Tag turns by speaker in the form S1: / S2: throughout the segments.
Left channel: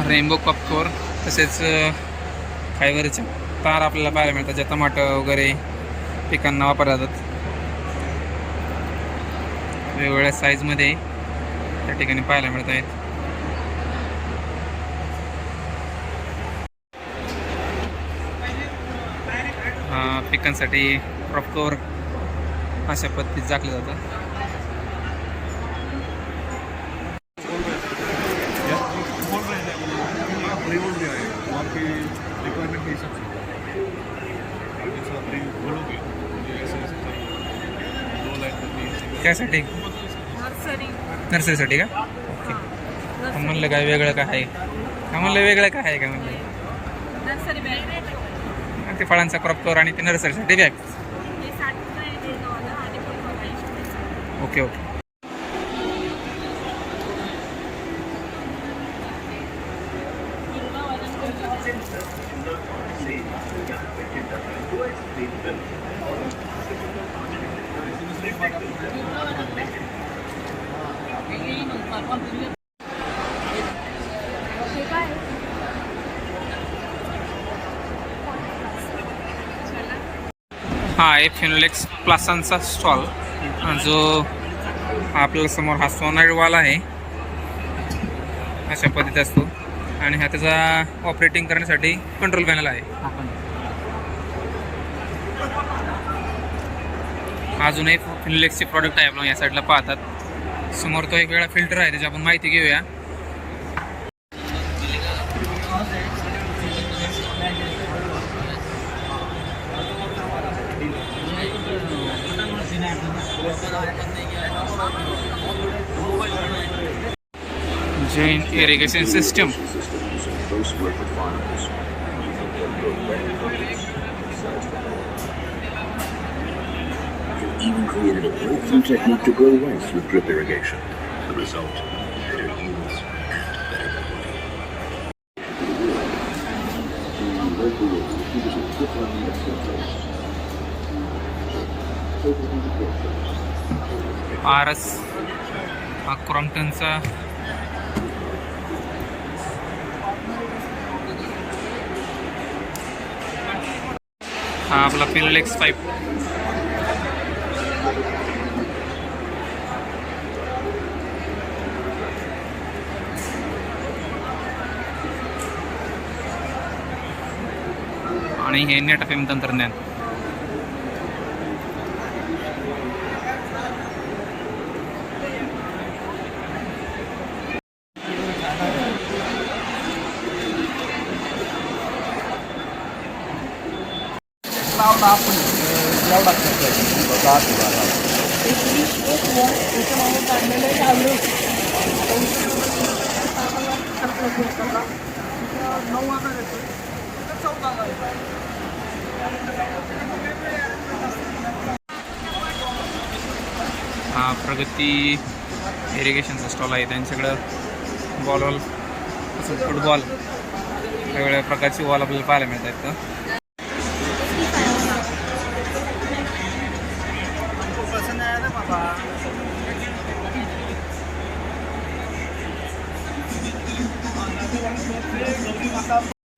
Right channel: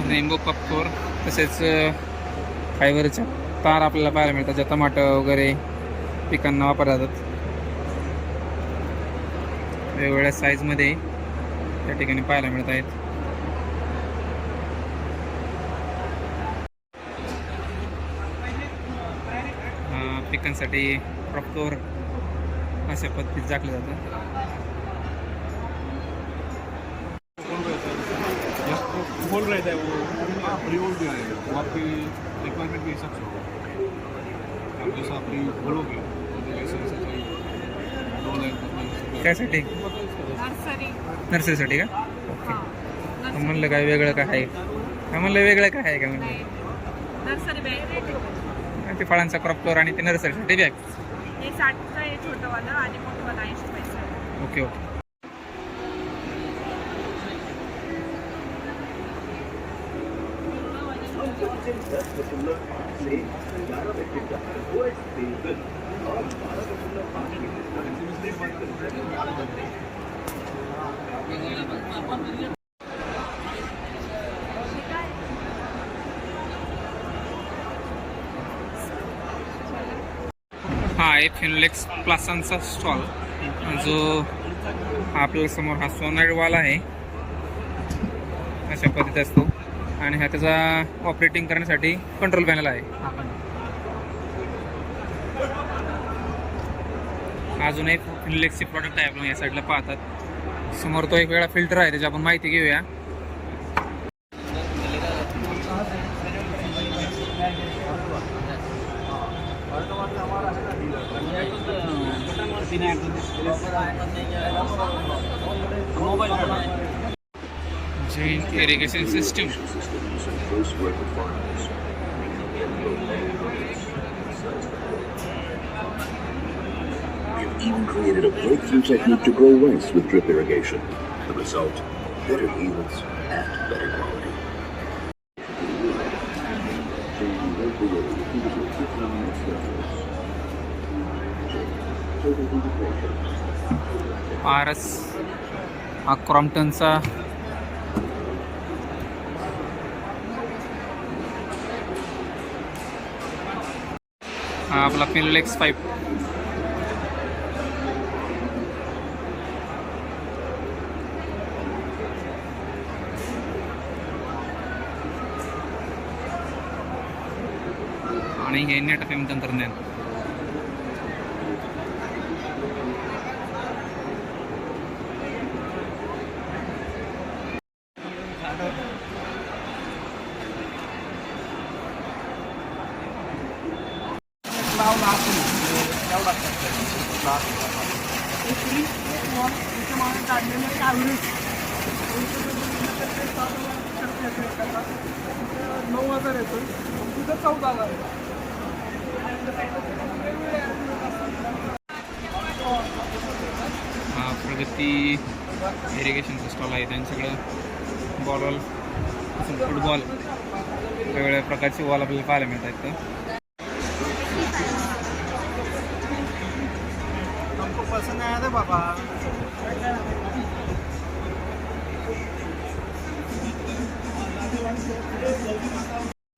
S1: Rainbow कपकोर तसेच फायबरच्या तार आपल्याला पाहायला मिळतात ज्या टमाटर वगैरे पिकांना वापरल्या जातात. वेगवेगळ्या साईजमध्ये त्या ठिकाणी पाहायला मिळत आहेत. पिकांसाठी क्रॉप अशा पद्धतीत झाकलं जातं
S2: बोल रहे थे रिमोट दे रहे हैं तो आपकी रिक्वायरमेंट के हिसाब से जैसा आप बोलोगे मुझे ऐसे ऐसे चाहिए दो लाइन करनी
S1: त्यासाठी?
S3: नर्सरी.
S1: नर्सरीसाठी का? ओके.
S3: हां
S1: का म्हणलं काय वेगळं काय आहे? का म्हणलं वेगळं काय आहे का म्हणलं? ते फळांचा क्रॉप कवर आणि ते नर्सरीसाठी बॅग.
S3: हे
S1: ओके ओके. हा एक फिनोलेक्स प्लासांचा स्टॉल जो आपल्याला समोर हा सोनारवाला आहे. अशा पद्धती असतो. आणि हा त्याचा ऑपरेटिंग करण्यासाठी कंट्रोल पॅनल आहे. अजूनही फिनलेक्सचे प्रॉडक्ट आहे आपण या साईडला पाहतात. समोर तो एक वेळा फिल्टर आहे त्याची आपण माहिती घेऊया. Jain irrigation system
S4: even created a breakthrough technique to grow rice with drip irrigation. The result, better yields and better quality.
S1: Paras हा क्रॉम्प्टनचा हा आपला फिनोलेक्स पाईप आणि हे नेट एम तंत्रज्ञान.
S5: नऊ हजार येतो तिथं चौदा
S1: हा प्रगती इरिगेशनचा स्टॉल आहे. त्यांच्याकडं बॉल वॉल तसंच फुटबॉल वेगवेगळ्या प्रकारची वॉल आपल्याला पाहायला मिळत आहेत तर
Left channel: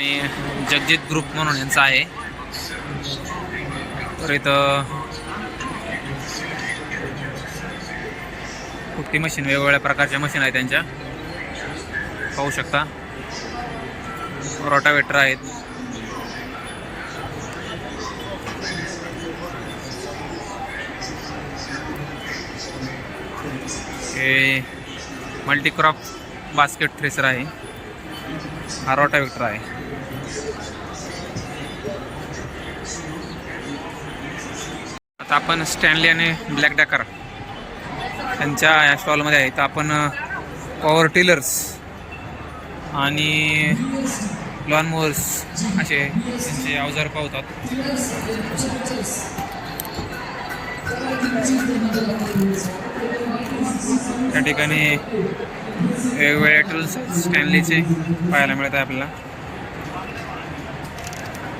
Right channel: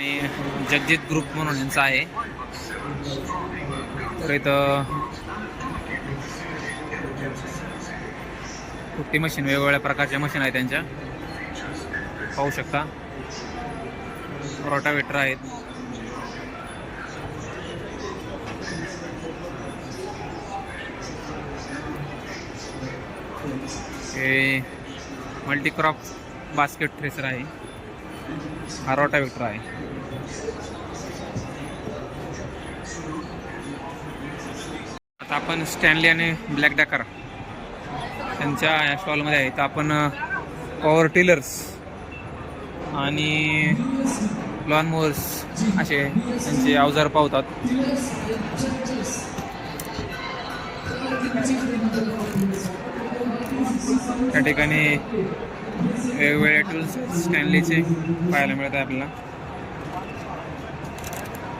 S1: आणि जगजित ग्रुप म्हणून यांचा आहे. तर इथं कुठती मशीन वेगवेगळ्या प्रकारच्या मशीन आहेत त्यांच्या. पाहू शकता. रोटावेटर आहेत. हे मल्टीक्रॉप बास्केट थ्रेसर आहे. हा रोटावेटर आहे. आता आपण स्टॅनली आणि ब्लॅक डॅकर त्यांच्या या स्टॉलमध्ये आहे तर आपण पॉवर टिलर्स आणि लॉन मोअर्स असे त्यांचे अवजार पावतात त्या ठिकाणी वेगवेगळ्या टूल्स स्टॅनलीचे पाहायला मिळत आहे आपल्याला.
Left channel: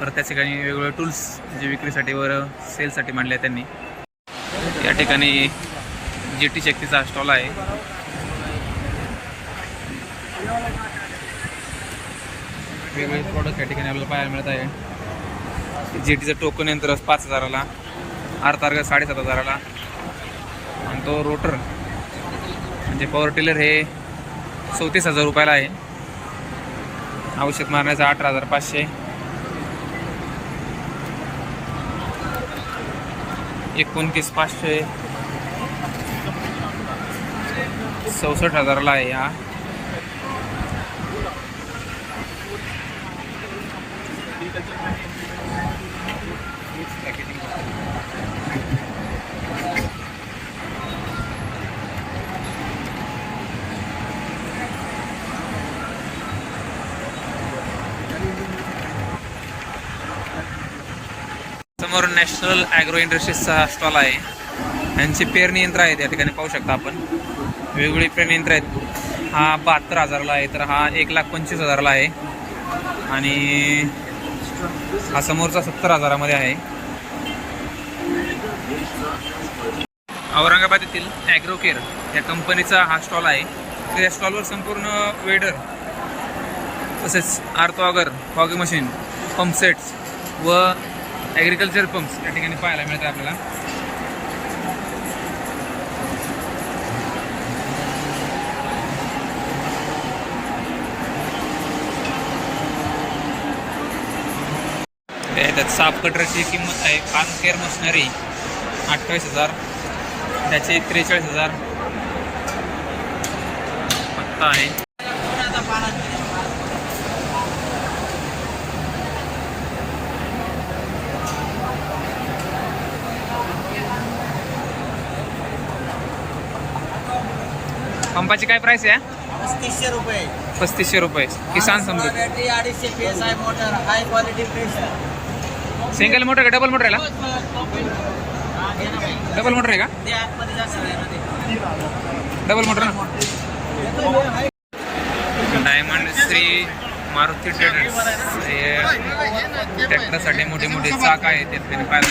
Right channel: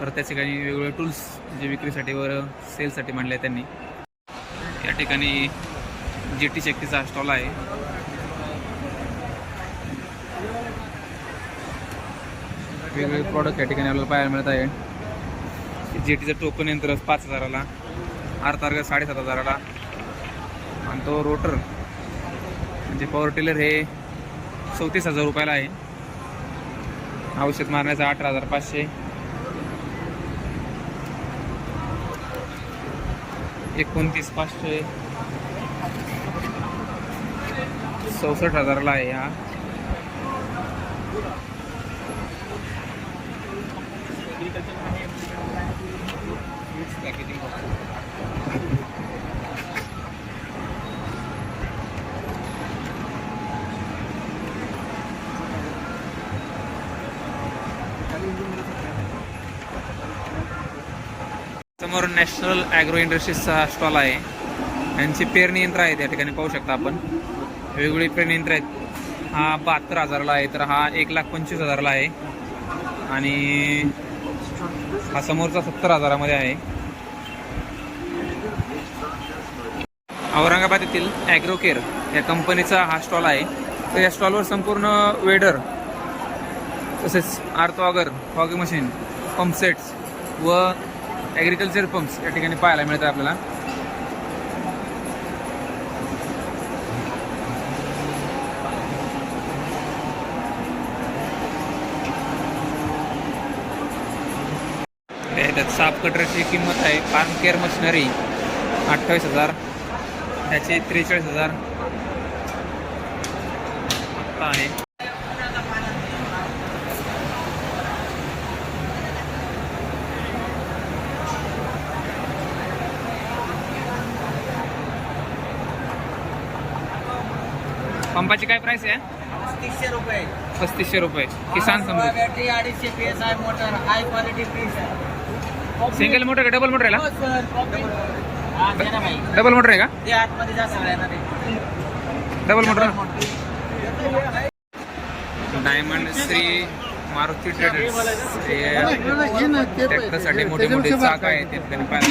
S1: परत त्या ठिकाणी वेगवेगळे टूल्स जे विक्रीसाठी वर सेलसाठी मांडले आहेत त्यांनी. या ठिकाणी जी टी शक्तीचा स्टॉल आहे. वेगवेगळे प्रॉडक्ट या ठिकाणी आपल्याला पाहायला मिळत आहे. जी टीचं टोकन यंत्र पाच हजाराला आर तारगा साडेसात हजाराला. आणि तो रोटर म्हणजे पॉवर टिलर हे चौतीस हजार रुपयाला आहे. औषध मारण्याचं अठरा हजार पाचशे. एकोणतीस पाचशे चौसष्ट हजाराला आहे हा. समोर नॅशनल ॲग्रो इंडस्ट्रीजचा स्टॉल आहे. यांची पेरणी यंत्र आहेत या ठिकाणी पाहू शकता आपण. वेगवेगळी पेरणी यंत्र आहेत. हा बहात्तर हजाराला आहे तर हा एक लाख पंचवीस हजाराला आहे. आणि हा समोरचा सत्तर हजारामध्ये आहे. औरंगाबाद येथील ॲग्रोकेअर या कंपनीचा हा स्टॉल आहे. तर या स्टॉलवर संपूर्ण वेडर तसेच आर्थॉगर फॉगिंग मशीन पंपसेट्स व ॲग्रिकल्चर पंप्स या ठिकाणी पाहायला मिळतात आपल्याला. ते त्यात साफ कटरची किंमत आहे फार्म केअर मशिनरी अठ्ठावीस हजार त्याचे त्रेचाळीस हजार. पत्ता आहे. पंपाची काय प्राइस आहे?
S5: पस्तीसशे रुपये.
S1: पस्तीसशे रुपये. किसान समृद्धी
S5: बॅटरी अडीचशे P S I motor high quality pressure
S1: single motor का? डबल मोटर आहे डबल मोटर आहे का?
S5: ते आतमध्ये जा सगळ्यांना ते.
S1: डबल मोटर ना? डायमंड श्री मारुती ट्रेडर्स हे ट्रॅक्टरसाठी मोठे मोठे चाक आहेत ते त्यांनी पाहिलं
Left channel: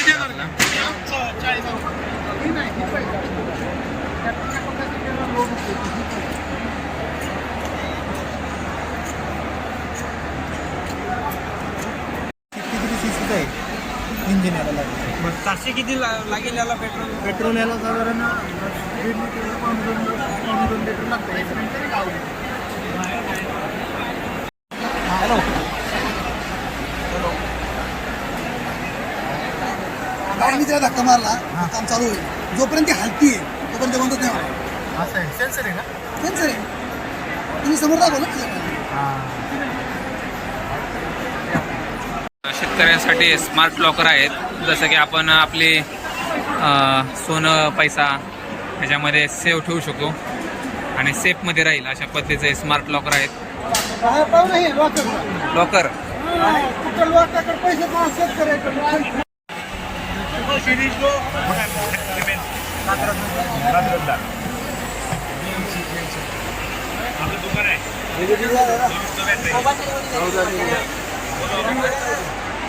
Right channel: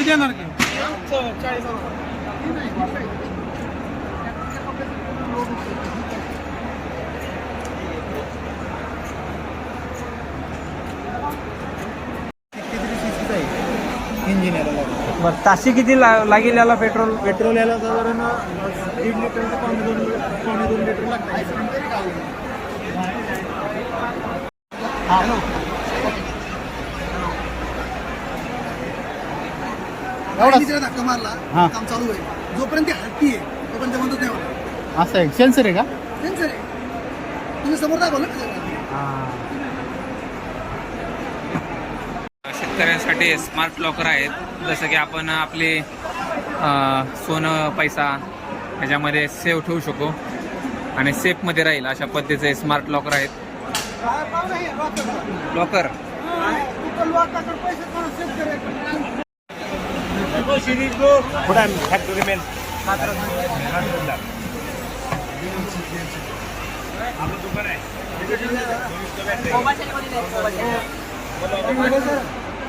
S5: बरं ताशी किती ला- लागेल याला पेट्रोल?
S6: पेट्रोल याला साधारण दीड लिटर पावणे दोन पावणे दोन लिटर लागतं.
S7: गाडी तिला धक्का मारला? काम चालू होईल जोपर्यंत ती हलती आहे तोपर्यंत नाही होणार
S6: असं आहे. सेन्सर आहे का?
S7: त्यांचं आहे. तुम्ही समोर दाखवा ना.
S1: शेतकऱ्यांसाठी स्मार्ट लॉकर आहेत. जसं की आपण आपले अं, सोनं पैसा ह्याच्यामध्ये सेव ठेवू शकू. आणि सेफमध्ये राहील अशा पद्धतीचे स्मार्ट लॉकर आहेत. लॉकर
S7: पैसे कोण शेतकऱ्याकडे
S5: मोबाईल